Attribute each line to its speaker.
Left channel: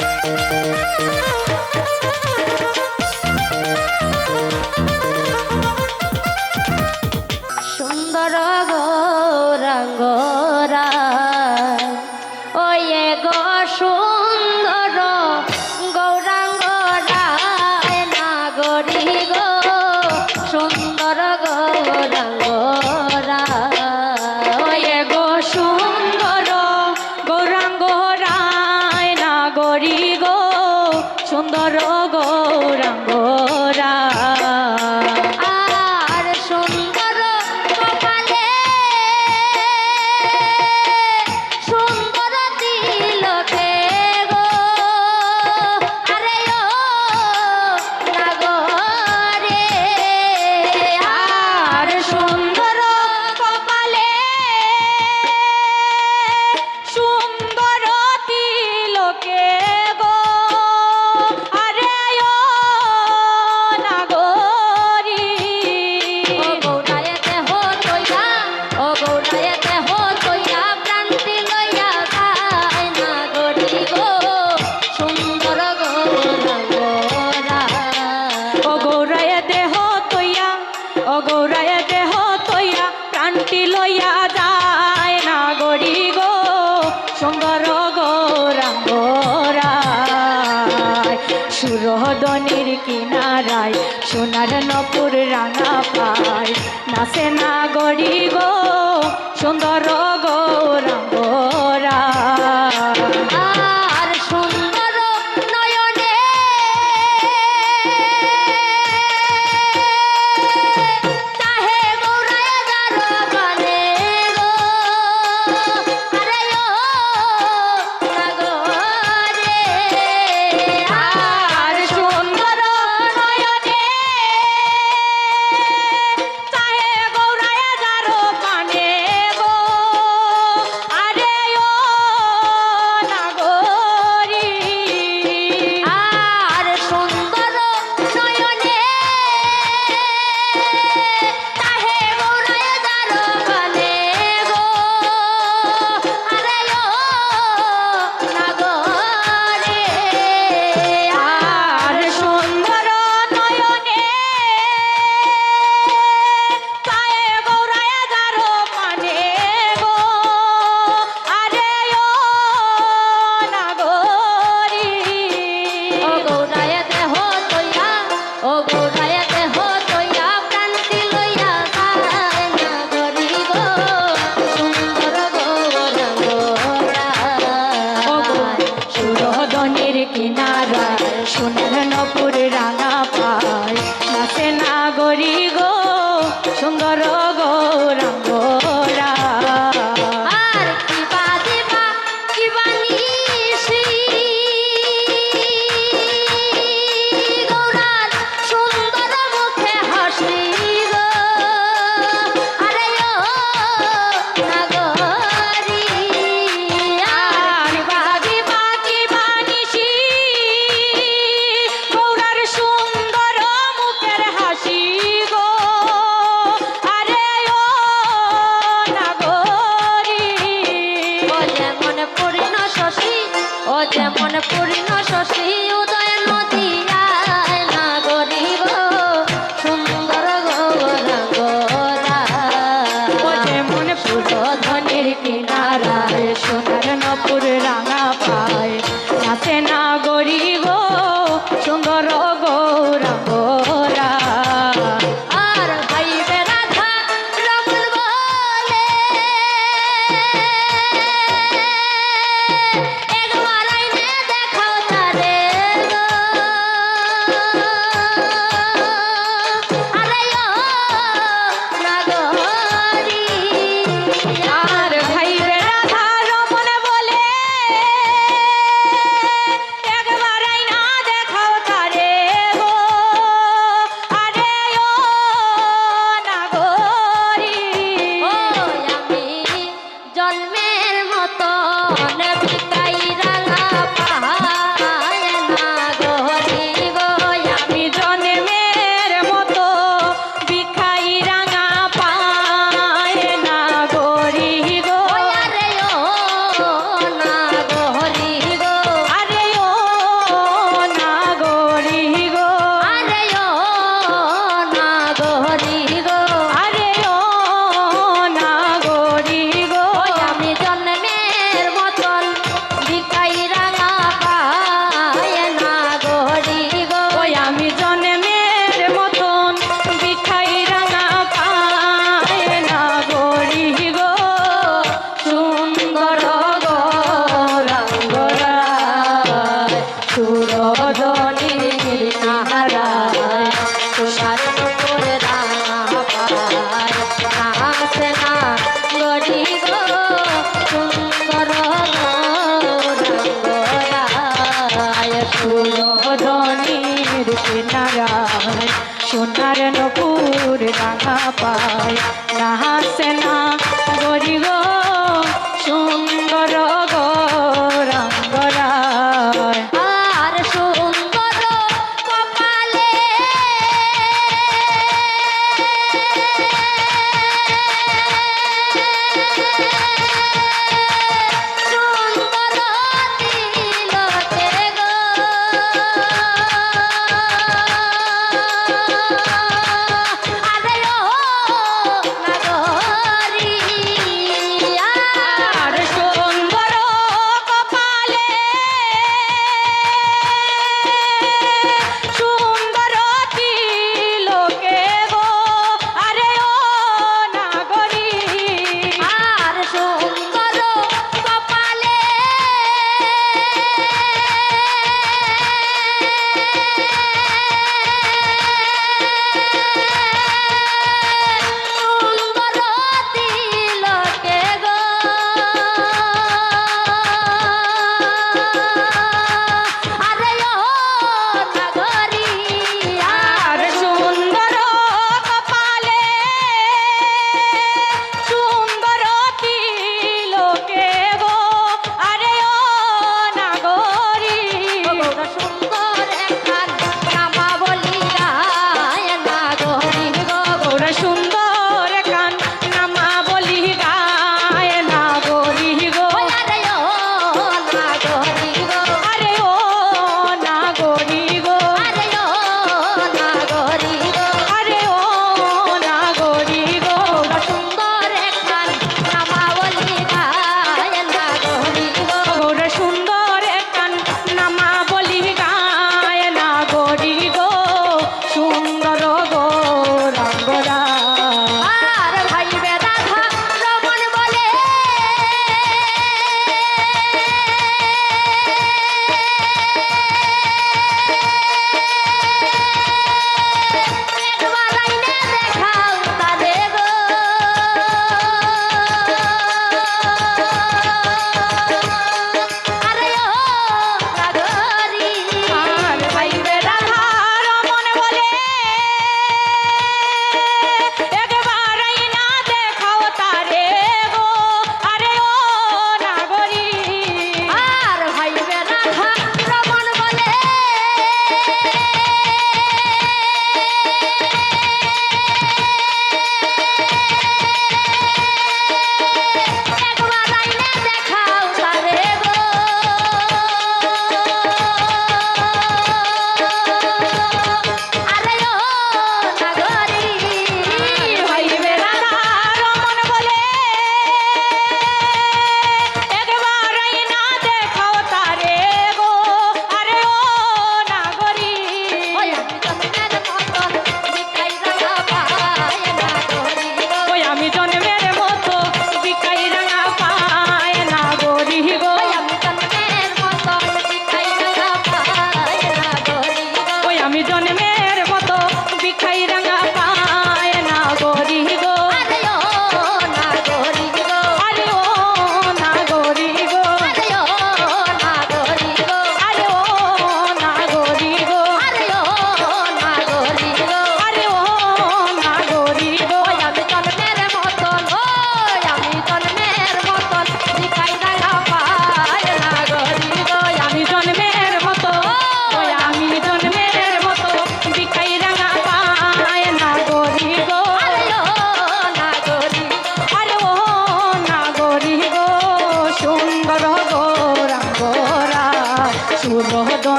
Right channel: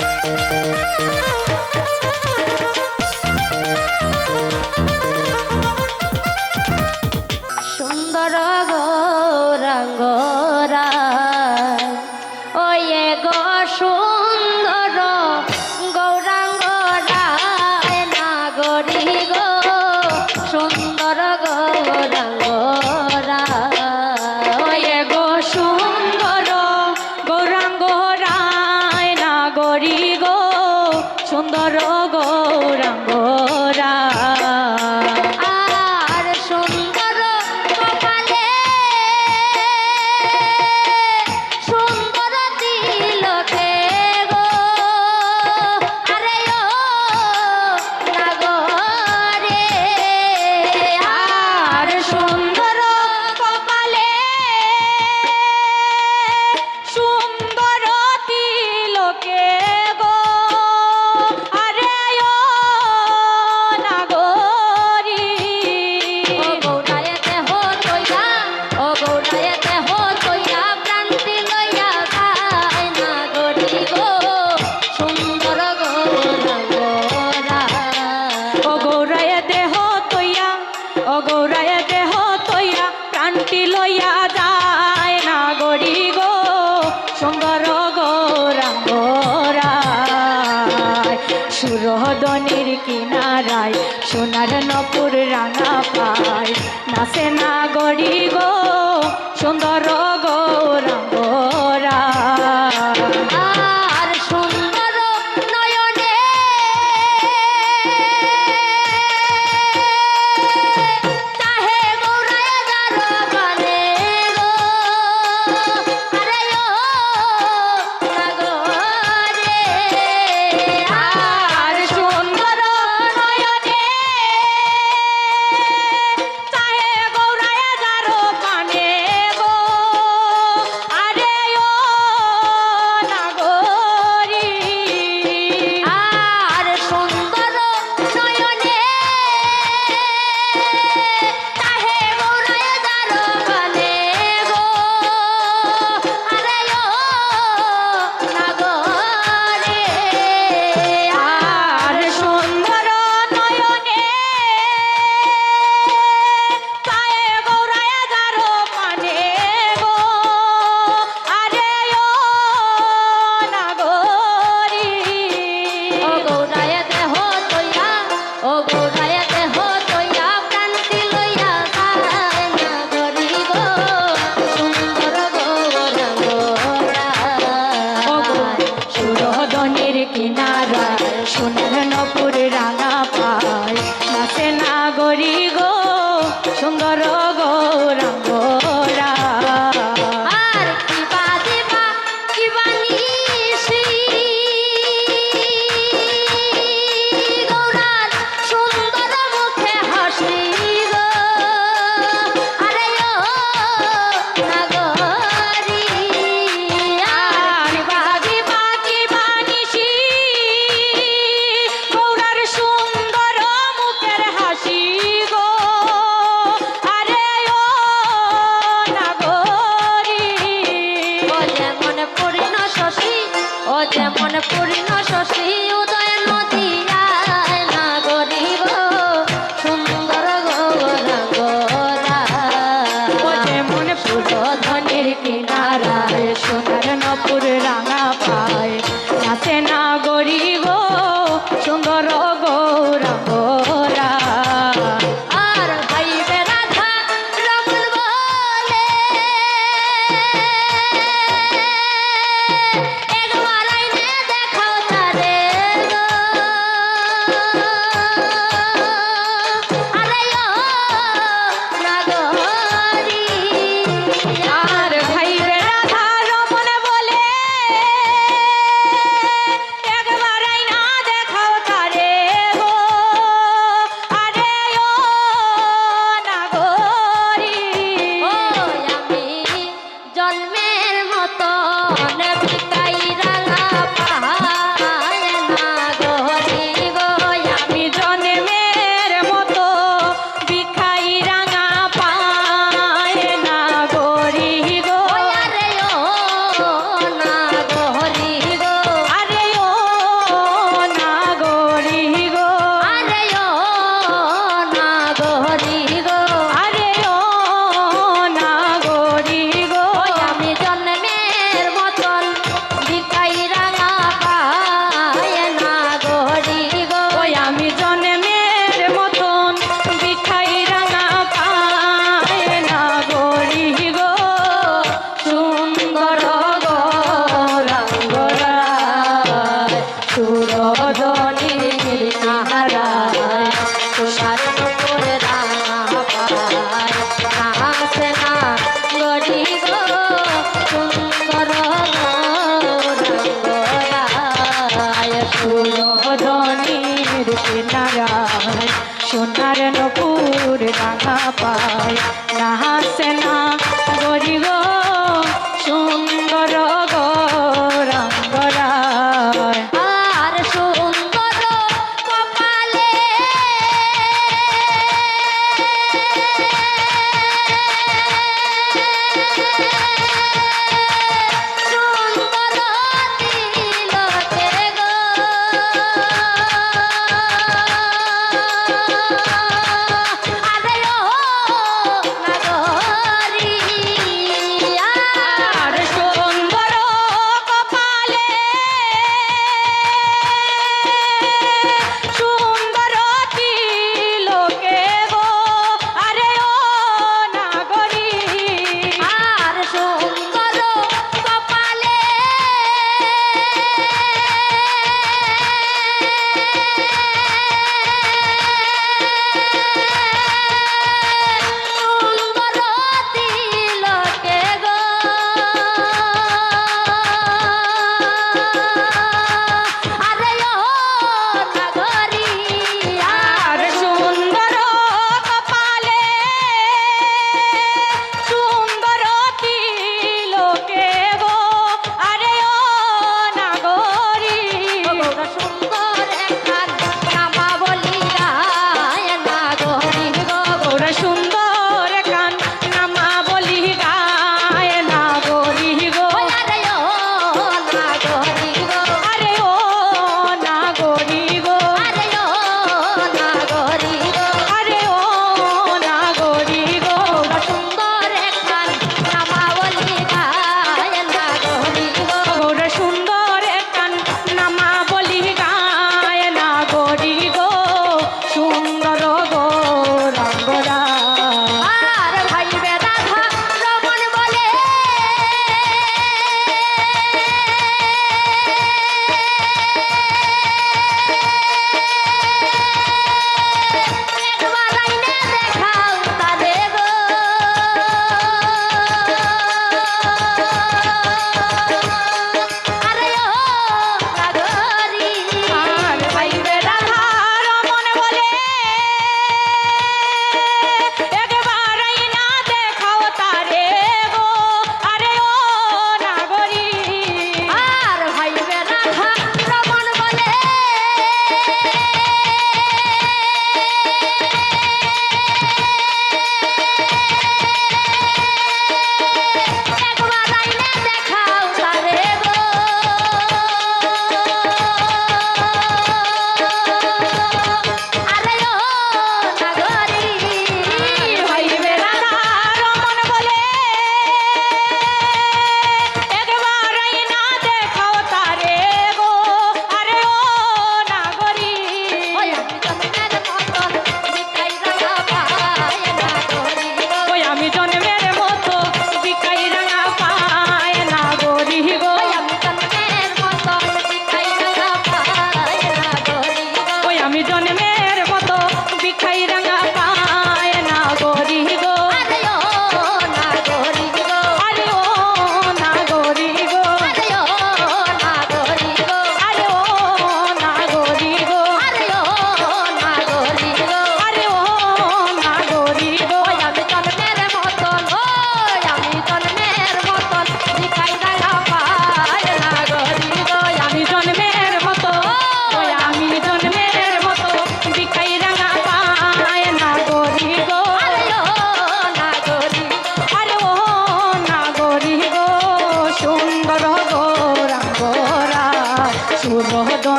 Speaker 1: Música
Speaker 2: রহদনের কিনারায় সোনার নপুর রাঙা পায়। নাসে না গড়ি গো সুন্দর গৌরাঙ্গরা